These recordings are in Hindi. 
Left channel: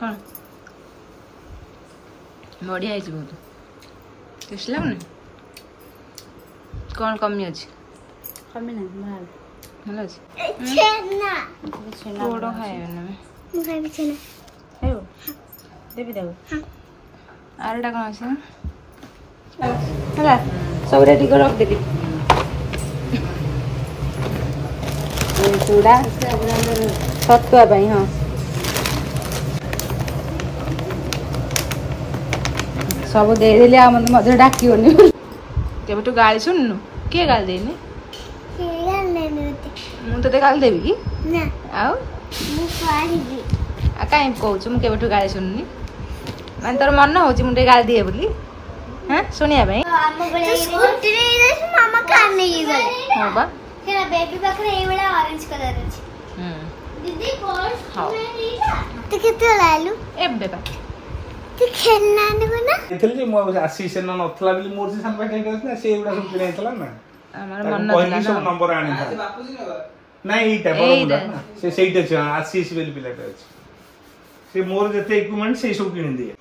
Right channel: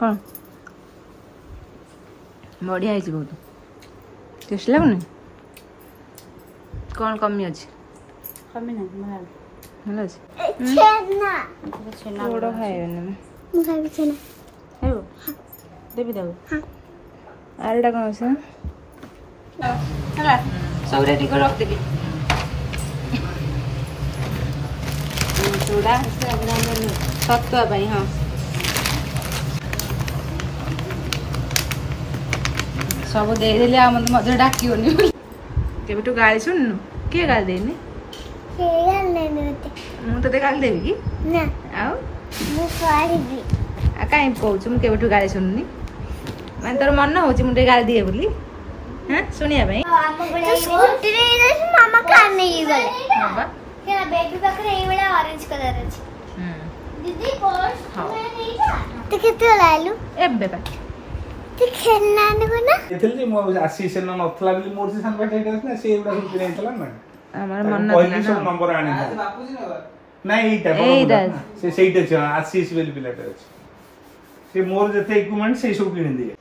कौन बढ़िया है बहुत टेस्ट लगुनि कौन कमी अच्छी कमी नहीं भल अच्छी छेना पोड़ खाइबे ना मैं खाइबे छेना खाइबो देबी देबो हां आरटा कौन আছে हला सब रेडी कर रख देली चूड़ा छतुआ पाई हाँ सब देदेली आ मत डाकियोनी केबेठू गाली सुननु किए गाली देनी मु तो गाली देवी कि ना आउ मु पारिबी आ काई कहूछु मु केबेठू गाली सुननी माने तोर मन होची मु गाली दिए बोली हां सुनिया भाई तो स्कूटी रे इधर मामा कार नहीं गले हां बा तेरा बेबी बकरे ए वाला ऑरेंज कलर है दीदी पर्स में नहीं था तो कितने लालू एबे बा तो खेलना न ना एथले मो आशीष न नथला बिली मोर से संग बैठे ना से एबडा सब किने थला ना हमार मन नथला सब नंबर आनी था बापूजी न नहीं एटा बड़ा से सेइटे छ आशीष बिली पिलाटा छ से मोर जते इक्विपमेंट से सब किने दिए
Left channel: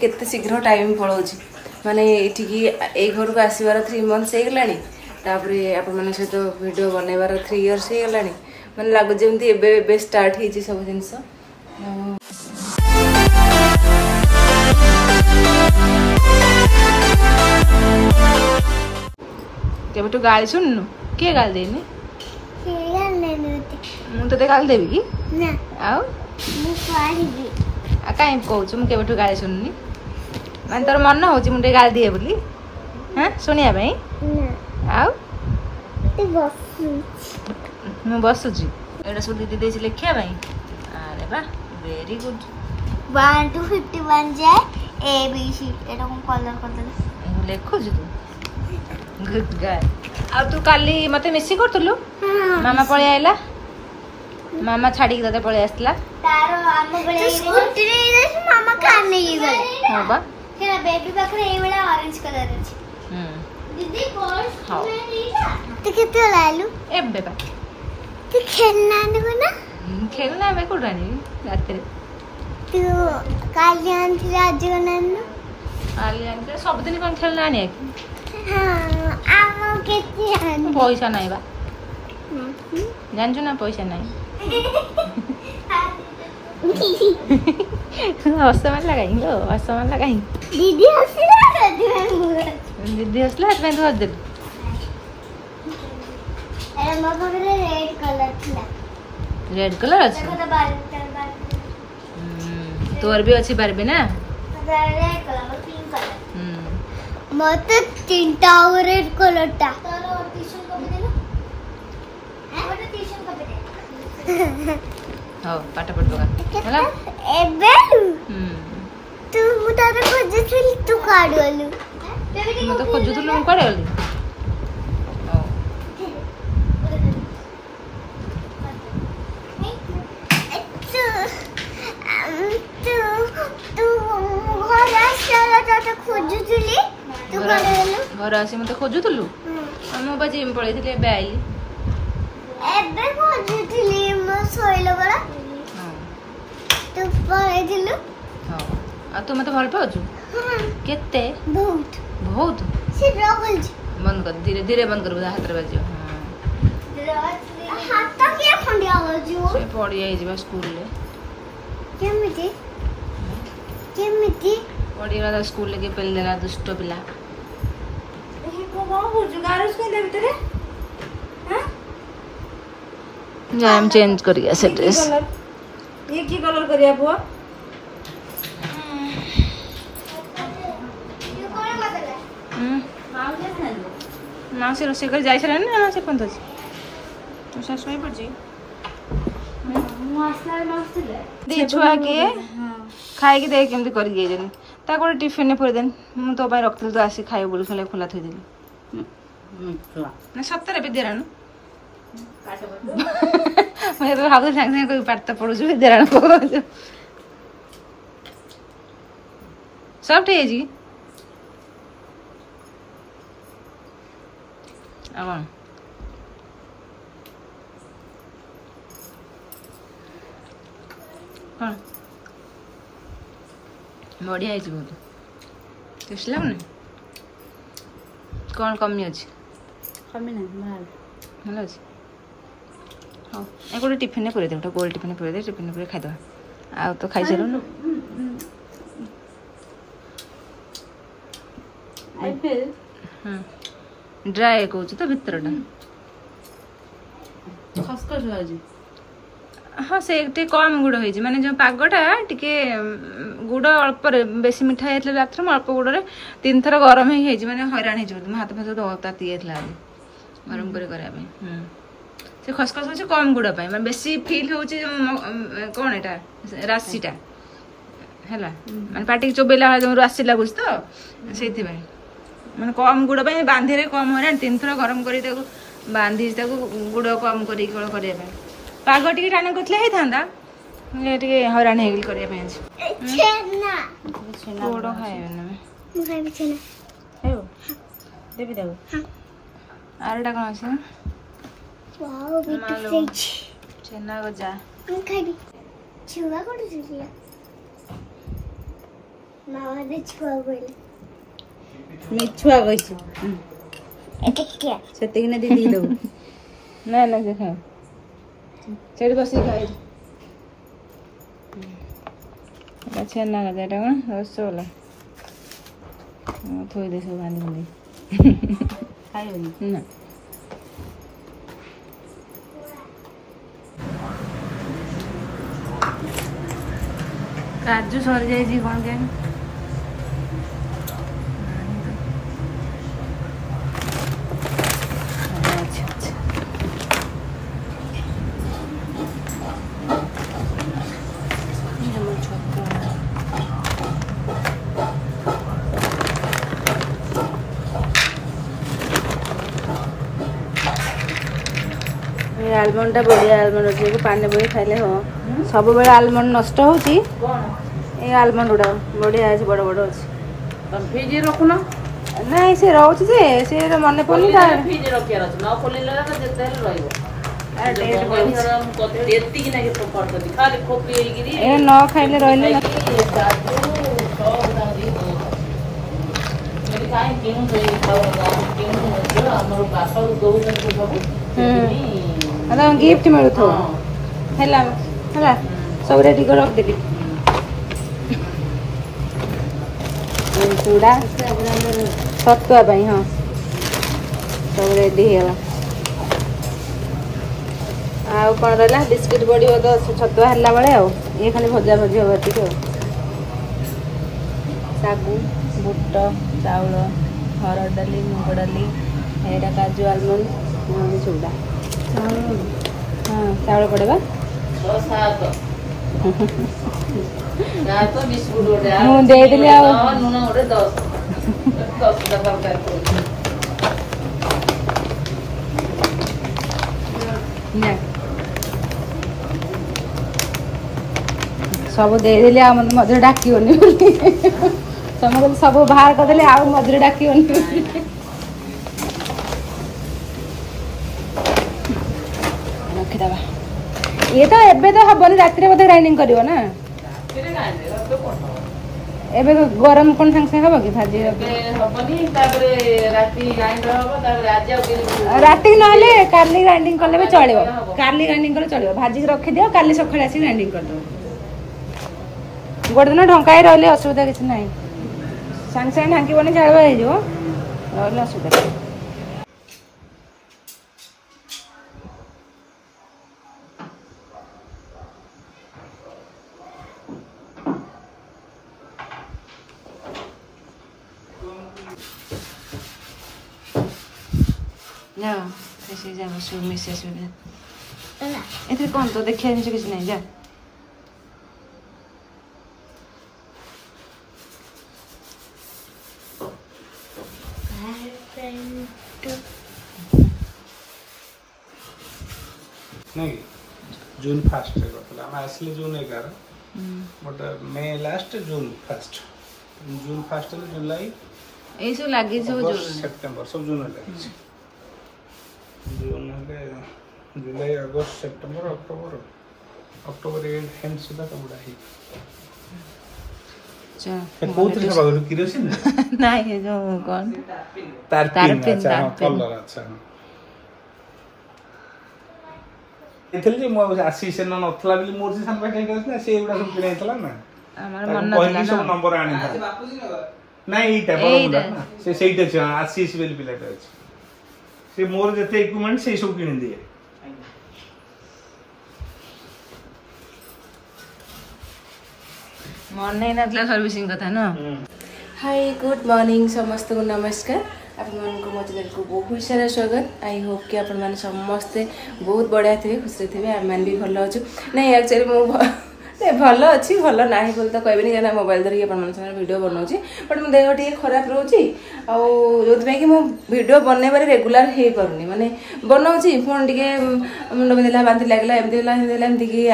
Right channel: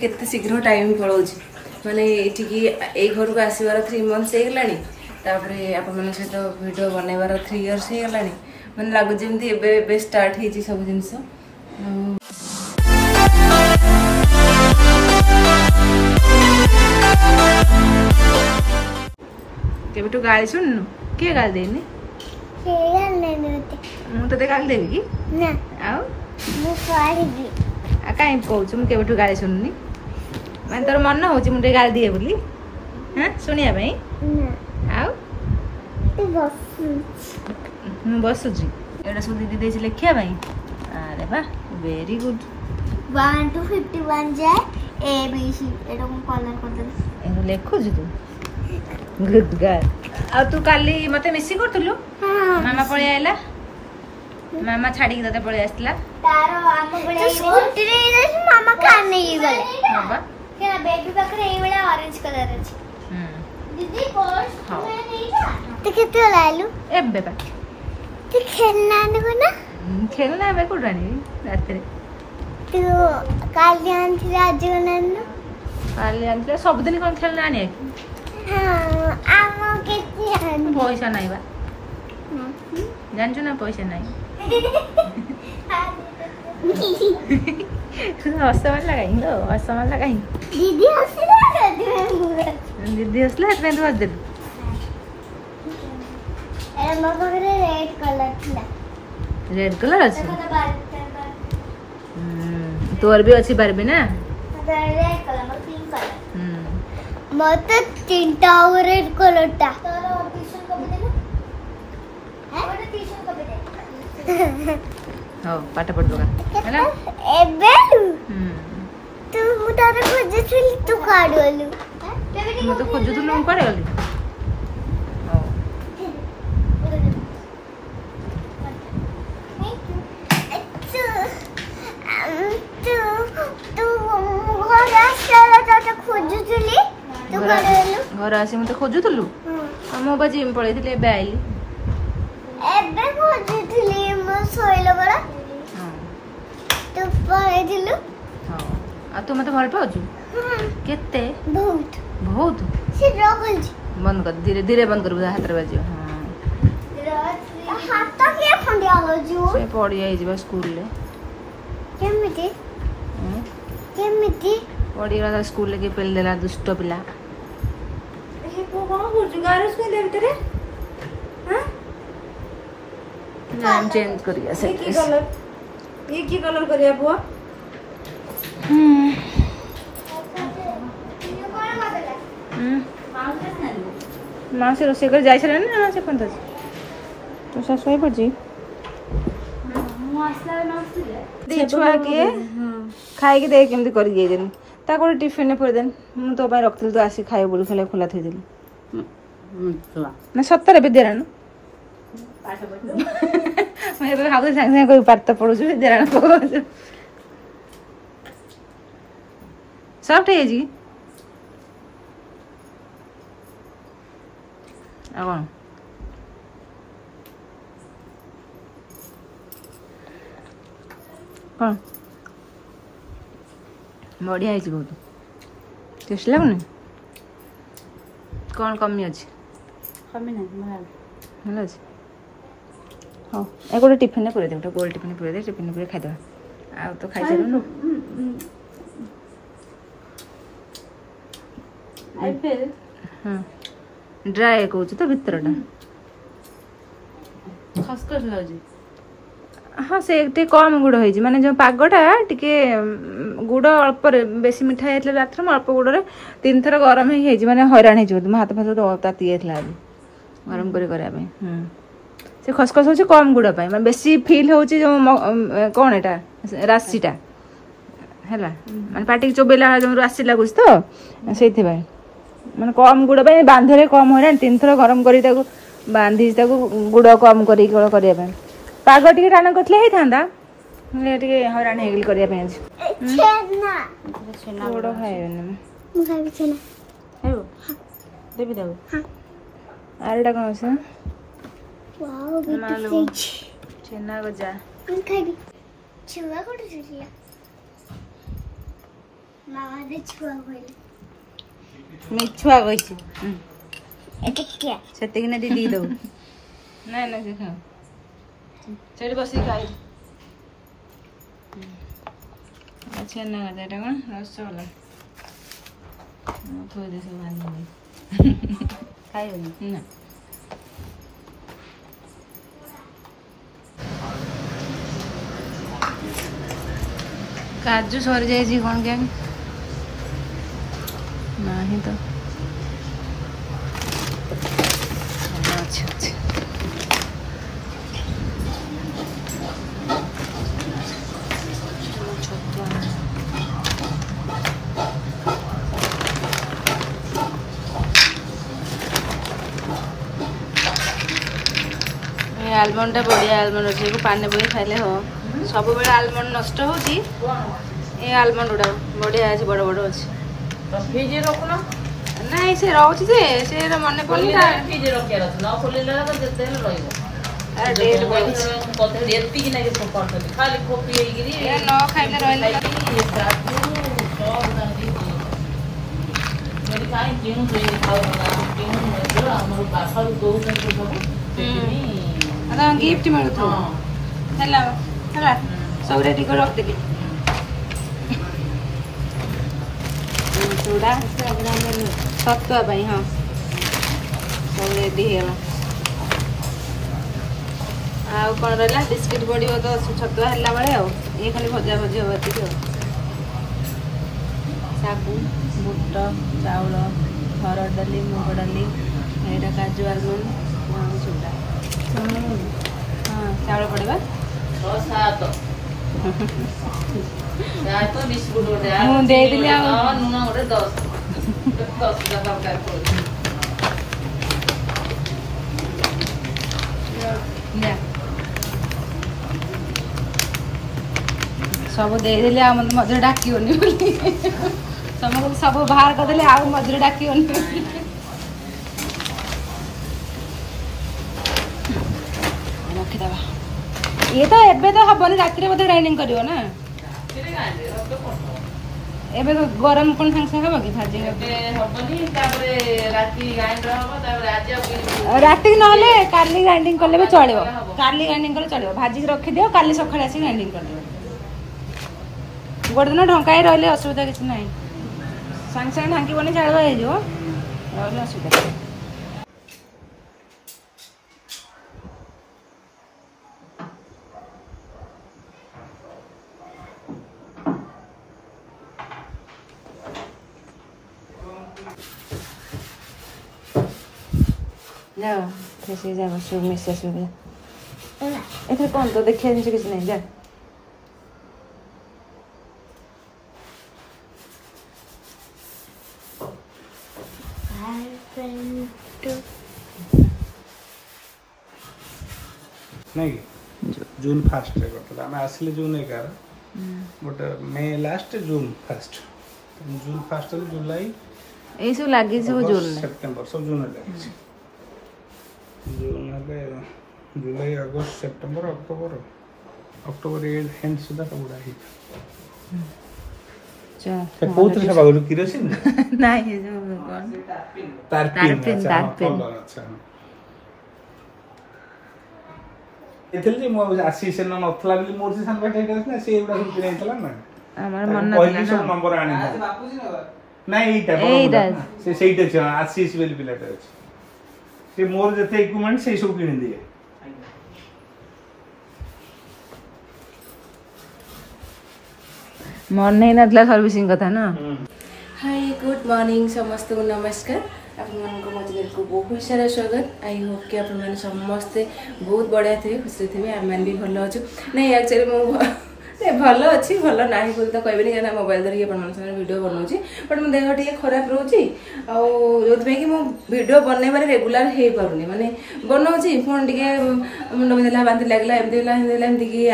केते शीघ्र टाइम पळौची माने एठी ए घर को आसीबार 3 मंथ्स हे गलानी तापरे आपण माने सहित वीडियो बनेबार 3 इयर्स हे गलानी माने लागो जेमती एबे स्टार्ट हेची सब जिंस केबेटू गाली सुननु के गाली देनी मु तो गाली देवी कि ना आउ मु पारिबी आ काई कहूछु मु केबेटू गाली सुननी माने तोर मन होची मु गाली दिए बोली हां सुनिया भाई ना आउ तू बस मु बसुची एडा सब दीदी देछि लेखिया भाई अरे बा वेरी गुड 1 to 51 जाए ए बी सी एटा को कलर कर दे एनु लेखु जी तू गुड गाय आ तू काली मते मिसी करतलु मामा पळे आइला मामा छाडी के दादा पळे आसला तारो आम बळे स्कूटी रे इधर मामा कार नहीं गले हां बा तेरा बेबी बकरे ए वाला ऑरेंज कलर है दीदी पर्स में नहीं था तो कितने लालू एबे बा तो खेलना न ना खेलना बे कोडानी रात रे तू कालियान थी आज नन्नु कालियान के सब दिन कोन खेलना आनी हां आम केती आन पैसा नाही बा जानछु ना पैसा नाही हसमान लगाई लो हसमान लगाई दीदी हसला दीदी हसला हाथ में धोस दे ए मो बकरे रेड कलर थिला रेड कलर अछि देखो तो बाल तोर भी अच्छी बारबी ना रेड कलर पिंक कलर मत तीनटा रेड कलर ता तोर ट्यूशन कब देलो है और ट्यूशन कब दे हो पाठ पढबा हैला एबे तू मुता तो खोजथि तू काडलु म तो खोजुथलु म काडे गली हो घर आसी मते खोजुथलु हम बाजी में पळै थिले बे आइली एबे खोजुथली म सोइलो बरा हां तू पळै थिलु हां आ तू मते भल पाउछु केते बहुत बहुत से रगल बंद कर धीरे धीरे बंद कर हाथ रे बाजियो हां हाथ के फंडिया हो जो से पड़ी आई जिबा स्कूल ले केमिति केमिति पड़ी वाला स्कूल लेके पेल देला दुष्ट पिला को कोन बुझु गारस के ले भीतर हां जाम चेंज करिया से ड्रेस ये की कलर करिया बुआ मासी रोसे कर जाय छले ना मासी पंत तो सासु पड़जी मु आसला मासी ले दी छुआ के खाई के देख केमती कर गई देन ता को टिफिन ने पूरे दिन मु तो भाई रखतल तो आसी खाए बोल खले खोला थई देली ना सत्तर विद्यारायण मैं तो हाउ संग संग कोई पाठ पढुछु विद्यारायण को सब ठीक है जी कौन बढ़िया है बहुत टेस्ट लगुनि कौन कमी अच्छी कमी ना भल अच्छे हाँ एक गोटे टिफिन पूरे दे गोटे गोल टिफिन पूरे दे टिफिन पूरे खाईदे आ तो खाई सारूँ हाँ ड्राए कौच तो भितरटा खसखस लागी हाँ से कम गुड़ हो माने जो पागटा टिके गुड़ अल्प बेसी मिठा जाता रात में अल्प गुड़ 3 थर गरम ही माने हैरान हो हाथ फाथ ताती जाता आज गरम कर से खसखस हो कम गुड़ मैं बेसी फिल हो कौन एटा राशिटा है माने पाटी चोबेला जो राशि लगुच तो से मैंने कम गुड़ बांधे कम हैरान 3 थर गरम कर बांधी गुड़ कम कर पाग टे टाण करते हैरान हो करने गुड़ खाए देवी देव आरटा कौन अच्छे छेना गजा मिछुआ कही से दीदी दो ना ना से खाओ चढ़ बस खाई छेना गजा कौन रसगोला थोड़ी दे सब बांधी खाइबनी ना काजू सरी जाइए कौन के नहीं तो अच्छा अच्छा आलमंड टा बढ़िया आलमंड अच्छे पानी बोई खाइले हो सब बेले आलमंड नष्ट होची ए आलमंड गुड़ा बढ़िया अच्छे बड़ बड़ अच्छे फ्रिज रखुन नहीं से रोचे से मन पड़ी फ्रिज रखियार अछि न खोलिले तो जते रहइबो डेट कोते एत्ती कि नहीं सब करतली खाली खोपी हेगिरी ए न खाइले रहले न मेरी काई केनु सही खाओ केनु हमर पासर दो जन सब अदा गिफ्ट मिलु थो हैला हैला सब रेडी कर रख देली चूड़ा सत्तुआ पाई हाँ सब रेडी है आउ कौन रहा बिस्किट पड़ो तो छतुआ है बेले ये खाली भजा भजी हम ये सागु बुट चाउल हरड़ डाली मुग डाली एटा काजू आलमंड चूड़ा हाँ चाउल पड़ेगा तो बिस्कुट गोटे ମୁଁ ଦେଇଦେଲି ଆଉ नुन गोटे 10 टका ना सब ଦେଇଦେଲି ଆଉ ମତେ ମଝିରେ ଡାକିବନି ବୋଲି ତମେ ସବୁ ବାହାର କରିଦେଲେ ଆଉ ମଝିରେ ଡାକିବନି ରଖିଦବା ये तो एबे तो हबनी राति बोधे ग्राइंडिंग करियो ना एबे तो गरम कोन संग संग हबो कि भाजी हबनी तापरे राति ग्राइंडर हबो तापरे आज राति नहले काली ग्राइंडिंग करले भी चलियो काली ग्राइंडिंग करे चलियो भाजी रखि दियो काली सखाळे आसी ग्राइंडिंग कर दियो गोटे दिन ढंकाई रहले असुविधा किछ नाही संग संग ढांकी बने झाड़वा हे जो रहले असुविधा जाओ कैसे जाओ शुरू में से सुविधा इधर कौन तो देखिए नीचे किसी नहीं जा नहीं जून फास्ट रे मतलब हम असली जून 11 बट मे लास्ट जून फास्ट जुलाई ए सब लागी सब जून सितंबर सब जून लागी जून जुलाई अगस्त सितंबर अक्टोबर अक्टोबर एंड सुधा पूरा ही चलो कौन से बागुरु किरोसिन ना ये जो कौन तारपिन अच्छा एथले जे मो आसी से न नथला बिली मोर से सान बाटे करस ना से एबडा सब किने थला ना हमर मन नथला सब नंबर आनी ना एटा बड़ा से सेइटा छ आसी से बिली पिलाटा छ से मोर जते इक्विपमेंट से सब किने दिए मन नहीं नथला सर्विसिंग कथा ना हाय गुड मॉर्निंग समस्त को नमस्कार आपन को मत को बहुत सारा स्वागत आई होप कि आपन माने समस्त बहुत बढ़िया थे खुशी थे आम मान भी भल अच्छु नहीं एक्चुअली मो भल अच्छी भल ना बोल तो कहबे नहीं मोबाइल धरिक अपन वीडियो बनाऊँ बट मो देह टे खराब रोचे जो कि मो वीडियो बनवार रेगुलर हो पारे माने बनाऊँ पुणी टे मुंड बिंधा बांति लगला एमती कि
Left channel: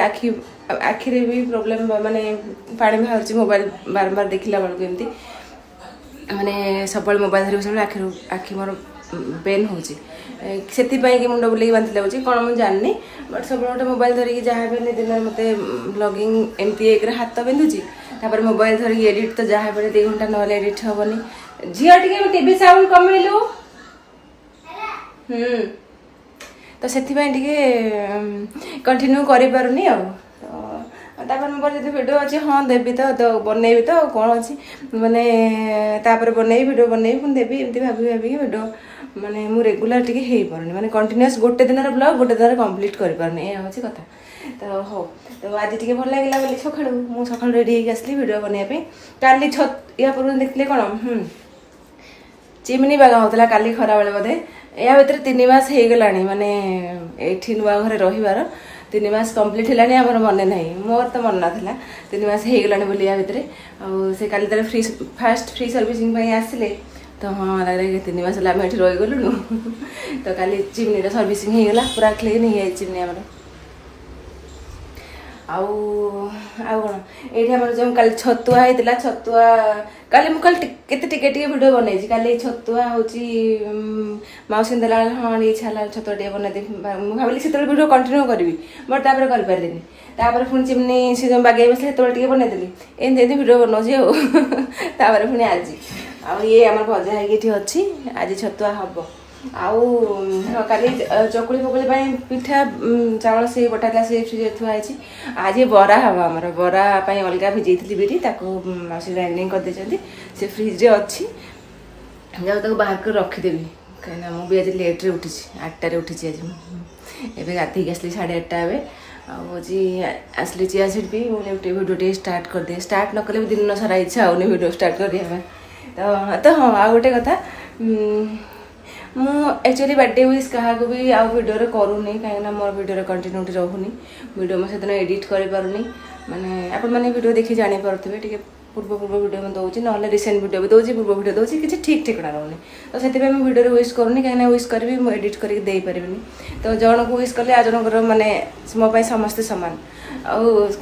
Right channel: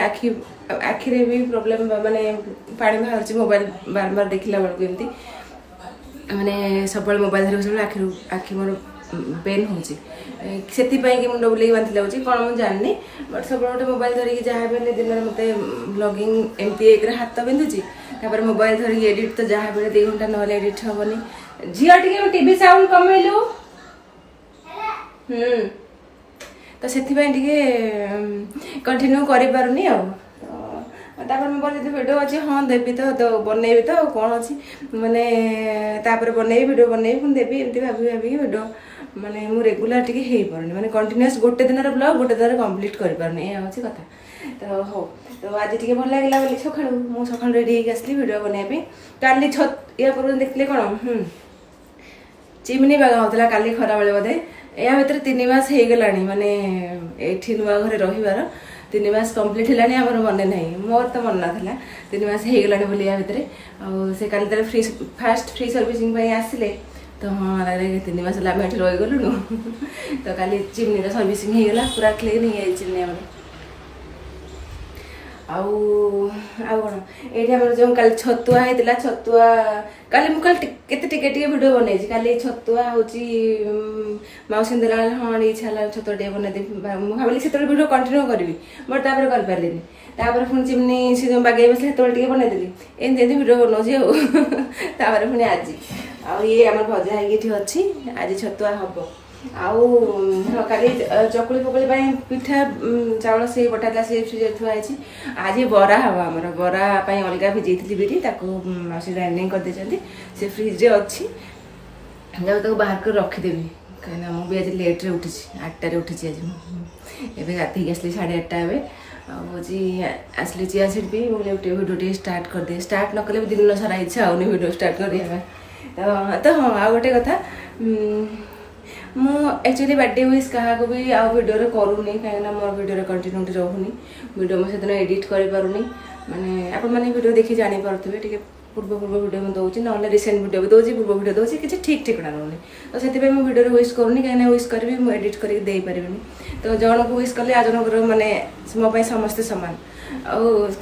आखिरे भी प्रोब्लेम माने पानी बाहर मोबाइल बार बार देखला बेलू एमती माने सब मोबाइल धर आखि मोर पेन हो कि मुंड बुले बांति लगे कौन मुझे जाननी बट सब गोटे मोबाइल धरिकी जहाँ भी दिन में मत ब्लॉगिंग एमती एक हाथ बिंधुची मोबाइल धरिक एडिट तो जहाँ भी 2 घंटा ना एडिट हेनी झील टे टीवी साउंड कमेलु तो से कंटिन्यू करें मोबाइल जो वीडियो अच्छे हाँ देवी तो बनईबी तो कौन अच्छी माने बनईबी वीडियो बनईबी पुणी देवी एमती भाभी वीडियो माने मु रेगुलर टिके हे पारनी माने कंटिन्यूअस गोटे दिन ब्लॉग गोटे दिन कंप्लीट कर पारनी या होची कथा तो हो तो आज टिके भल लागला बोली सखाळु मु सखाळु रेडी हे आसली वीडियो बनाबे काली छत या पूर्व देखले कोन चिमनी बागा होतला काली खरा बेले बोधे या भीतर 3 मास हे गलानी माने एठी नुआ घरे रहिवार 3 मास कंप्लीट हेलानी हमर मने नाही मोर तो मन नाथला 3 मास हे गलानी बोली या भीतर से काली तले फ्री फास्ट फ्री सर्विसिंग पई आसले तो हाँ लगे 3 मास आम ये रही गलु तो काली चिमनी सर्विसिंग होगा पूरा क्लीन हो गई चिमनी आम कौन ये जो कल छतुआ होता छतुआ काली मुझे केते वीडियो बनई काली छतुआ हूँ मौसी देला हाँ इच्छा है छतुआ टे बनई भाविली से वीडियो कंटिन्यू करी बट तापर कर पारे पुणी चिमनी से जो बागे बस टे बनईदेली एमती वीडियो बनाऊे पुणी आज ये आम भजा होगी अच्छी आज छतुआ हम आली चकुली फकुली पिठा चावल से बटा से फ्रिज थुआई आज बरा हम आम बरा अलग भिजई बिरी मासी ग्राइंडिंग कर से फ्रिज अच्छी जब बाहर कर रखीदेवी कहीं मुझे आज लेट्रे उठी 8टार उठी आज एवं गाधे आसली 8:30 हूँ आसली चिया सीट भी वीडियो टे स्टार्ट कर दे स्टार्ट न कले दिन सारा इच्छा होनी वीडियो स्टार्ट कर दिया तो हाँ आ गोटे कथा मु एक्चुअली बर्थडे विश क्या भी आउ वीडियो करूनी कहीं मोर वीडियो कंटिन्यूटी रोनी वीडियो मैं से एडिट कर पारुनी माने आपण मैंने वीडियो देखी जानी पारे टे पूर्व वीडियो में दूसरी ना रिसेंट वीडियो भी दूसरी पूर्व वीडियो दूसरी किसी ठीक ठिकाना रोनी तो से वीडियो विश करूनी कहीं विश करी मुझे एडिट करके पारिनी तो जन को विश कले आ जनकर माने मो समस्ते सामान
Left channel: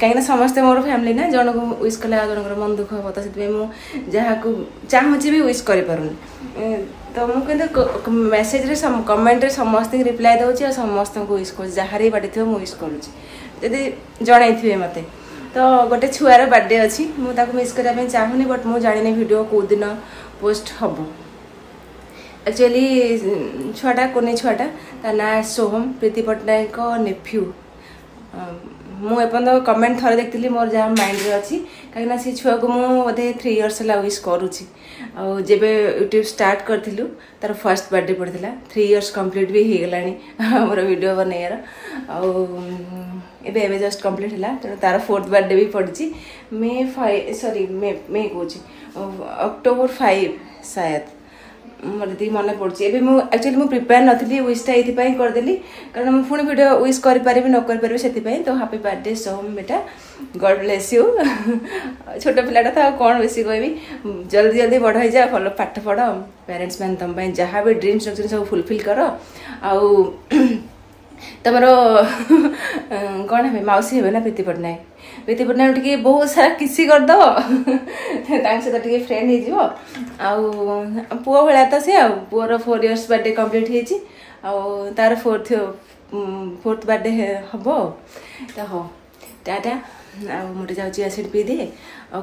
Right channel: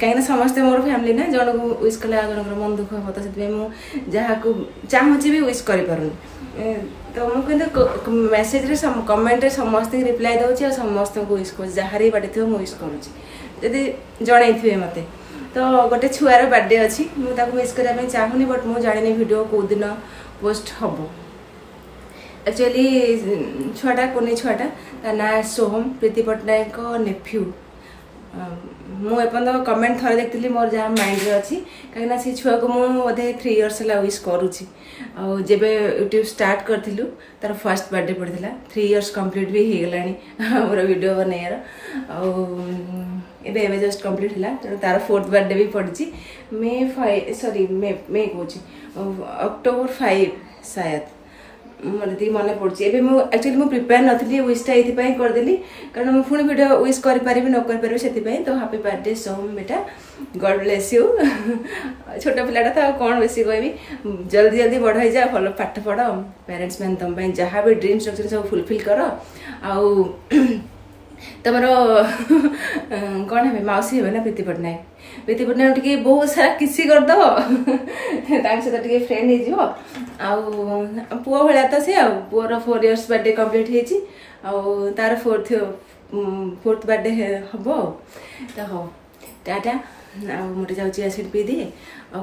कहीं समस्ते मोर फैमिली ना जन को विश कले आ जनकर मन दुख हम तो से जहाँ को चाहूँगी भी विश कर तो मुझे मेसेज कमेंट समस्त रिप्लाई दूसरी और समस्त को विश कर जहाँ बाटे थी मुझे विश करुँगी जन मत तो गोटे छुआर बर्थडे अच्छी मुझे विश करने चाहूनी बट मुझे जानी वीडियो कौ दिन पोस्ट हम एक्चुअली छुआटा कोने छुआटा ना सोहम प्रीति पट्टनायक नेफ्यू मुझे कमेंट थोड़े देखी मोर जहाँ माइंड रे अच्छी कहीं सी छुआ को मुझे 3 इयर्स है विश करुच्ची जब यूट्यूब स्टार्ट करूँ तार फर्स्ट बर्थडे पड़ता 3 इयर्स कंप्लीट भी हो गला मोर वीडियो बनइार एवं जस्ट कंप्लीट है तेणु तार 4th बर्थडे भी पड़ी मे 5 अक्टोबर 5 शायद मतलब मन पड़ी एक्चुअली मुझे प्रिपेयर नी विशटा ये करदेली कारण मुझे पुणी वीडियो विश करें न करें से तो हैप्पी बर्थडे सोहम बेटा गॉड ब्लेस यू छोट पिलाटा तो कौन बेसी कहबी जल्दी जल्दी बढ़ जा भल पाठ पढ़ पेरेंट्स मैंने तुम जहाँ भी ड्रीम्स रखते सब फुलफिल कर तुम कौन है मौसी हे ना प्रीति पट्टनायक टे बहुत सारा किसी करदे सहित टे फ्रेंड हो पुआ भाया तो से पुअर 4 इयर्स बर्थडे कंप्लीट हो तार 4th बर्थडे हम तो हो टाटा मुझे जाऊँ एसिड पी दिए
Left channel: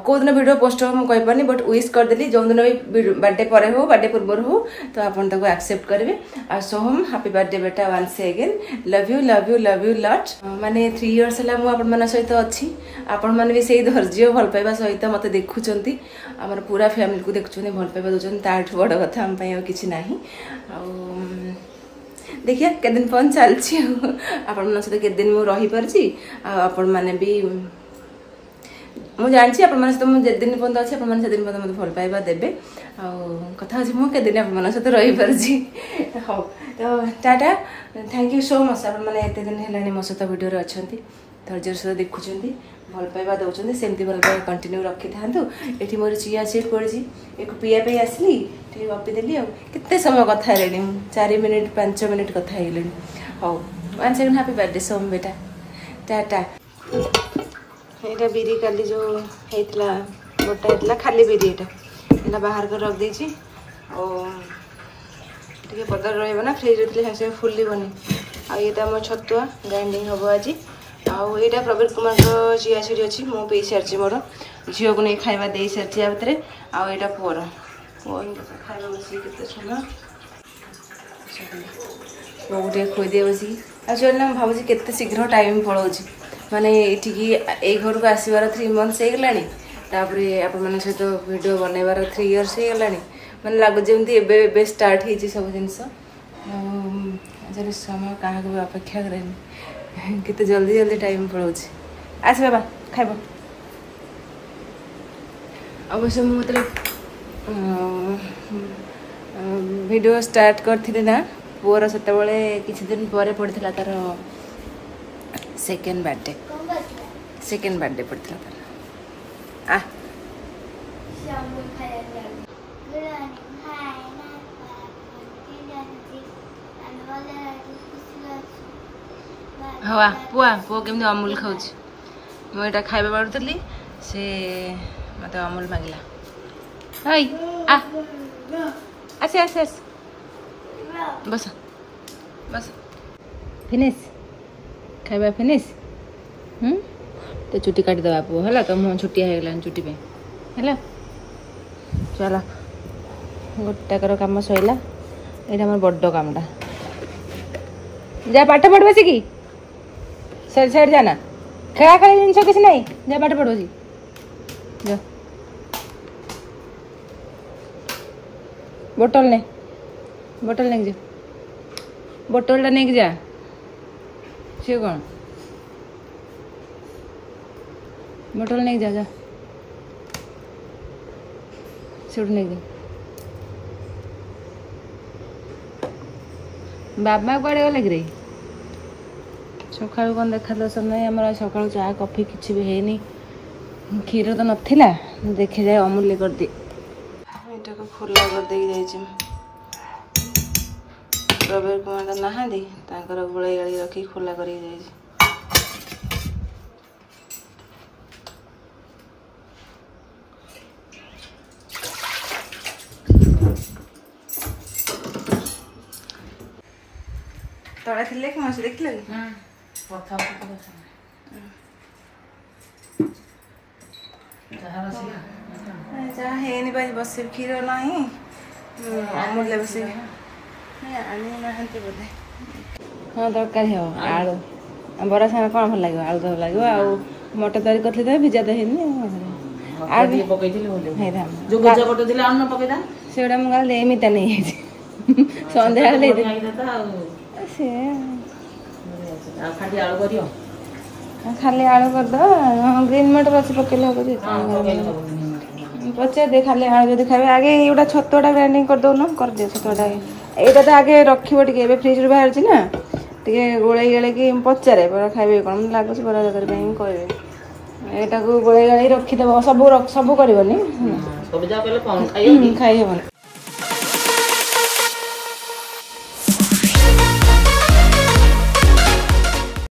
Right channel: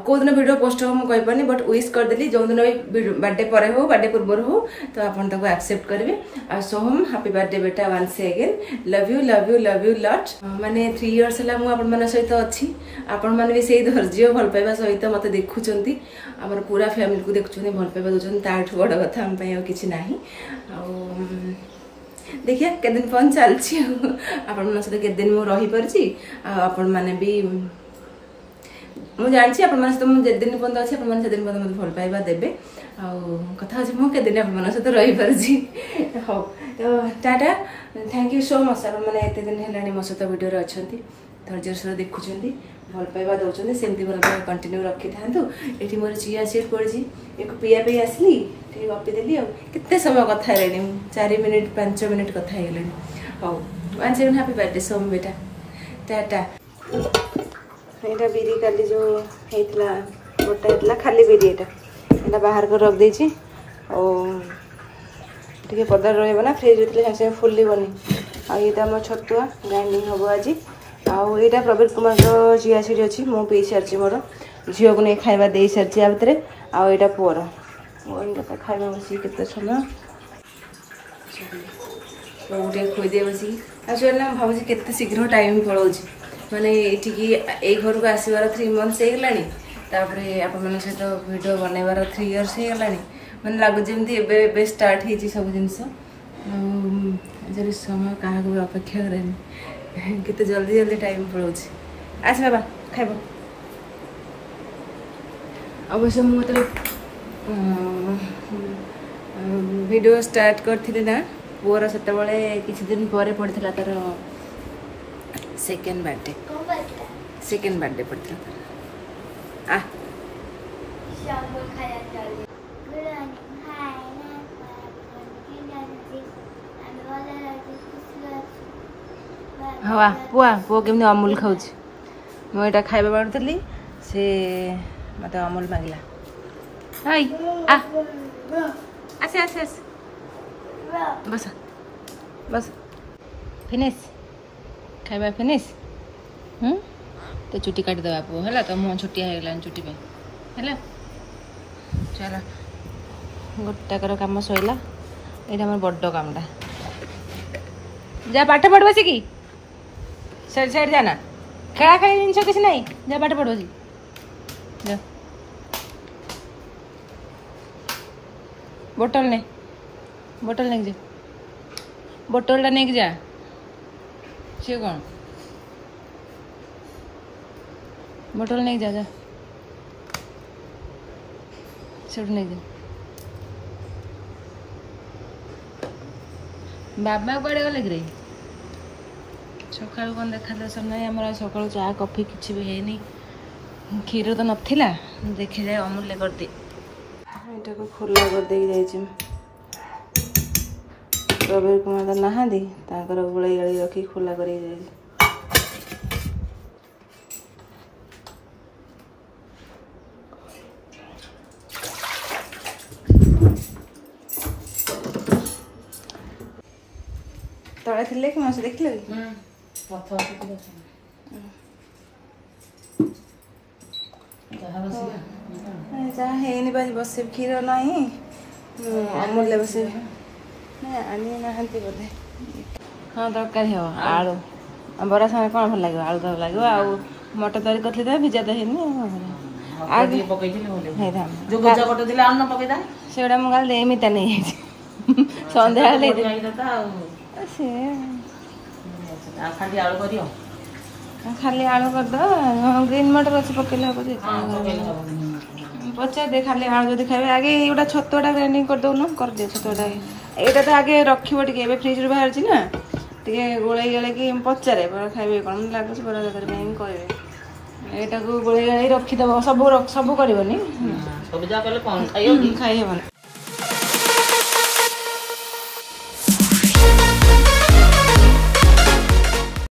कौ दिन वीडियो पोस्ट हो मुझे कहीपरि बट विश करदेली जो दिन भी बर्थडे पर हो बर्थडे पूर्व हो तो आपको एक्सेप्ट करेंगे और सोहम हैप्पी बर्थडे बेटा वंस अगेन लव यू लट माने 3 इयर्स है सहित अच्छी आपण मैंने भी सही धैर्य भल पाइबा सहित मत देखुं आमर पूरा फैमिली को देखुं भल पाइबा दूसरी ताठू बड़ कथा आम कि ना देखिए के दिन पन चलती आपण सहित के दिन मुझे रही पार्ची आपण मैंने भी मुझे जानी सहित मुझे दिन पर्यंत अच्छे से दिन पर्यंत मत भल पाइबा देवे कथा अच्छे मुझे दिन आप सहित रही पार्ची हाँ तो Tata thank you so much आपने एत दिन है मो सहित वीडियो अच्छा धैर्य सहित देखुं भल पाइबा दौरान सेमती भल पाइबा कंटिन्यू रखी था ये मोर चिया सीट पड़ी एक पीवाई आसली गपीदेली आते समय कथा 4 मिनिट 5 मिनिट कथा हाँ वन सेकेंड हैप्पी बर्थडे सोम बेटा टाटा यहाँ बिरी काली जो होता गोटा होता खाली बिरी यहाँ बाहर कर रख देती टे पदार रहा फ्रिज होते सागे फुलबनी आईटा मो छतुआ ग्राइंडिंग हम आज आईटा प्रवीण कुमार चिया सीड अच्छी मु पी सारी मोर झील को नहीं खावा दे सारी आ भितर आईटा पुअर पुआ खावा बस के समय गोटे खुदी बस आज भाव के शीघ्र टाइम पलाऊँ माने ये घर को आसबार 3 मंथ्स होगलापर आपण सहित वीडियो बनइबार 3 इयर्स होगलानी मैंने लगुच जमी स्टार्ट हो सब जिनस समय क्या भी अपेक्षा करें केते जल्दी जल्दी टाइम पलाऊँ आस बाबा खाइब अवश्य मुझे वीडियो स्टार्ट करती ना पुअर से किसी दिन पर पड़ता तार सेकेंड बर्थडे पड़ता आ हाँ पुआ पुआ केमती अमूल खाऊँ मुझे खाଇବା बाड़ुली से मत अमूल मांगला हई आ आसे आसे आसे बस बस फिनिश खाଇବା फिनिश तो चुटी काटिद पु है तो मुँह छुटिया हो गला चुटी पे है चल गोटाकर कम सैला यहाँ मोर बड़ कामटा जा पाठ पढ़ बस कि सर साइड जाना खेला खेला जिन किसी ना जा पाठ पढ़ बस जा बोतल नहीं जा बोतल नहीं जा सी कौन बोतल नहीं जा जा से नहीं जा बाबा कड़े गले कि सका कौन देखा दर्शन नहीं आम सका चाय कॉफी किसी भी है क्षीर तो नाला देखे जाए अमूल्य कर दी यहाँ को खोला कर दे प्रवीण कुमार नहांती गोले गाड़ी रखी खोला कर तले थे कि मास देख जहाँ है बस क्षीर ना अमूल्य बस आनी ना बोधे हाँ दरकार हो आलू बड़ा सागे कौन भल लगे आलू तो लगे आ मटर तैयारी करते भिजा तो से मुझे एमती नहीं सन्ध्या खाली आलू करद ग्रीन मटर अच्छे पकेले हम पचार दे खाली आलू जब खाए आगे ये छतुआ ग्राइंडिंग कर दौन कर दे छतुआ यहाँ तो आगे रखिए टे फ्रिज रू बाहर ना टे गोले गले कि पचारे बड़ा खाइबे कौन लगुच बड़ा तरकारी कहे यहाँ गोले गले रखीद सब सब कर खाई हेबन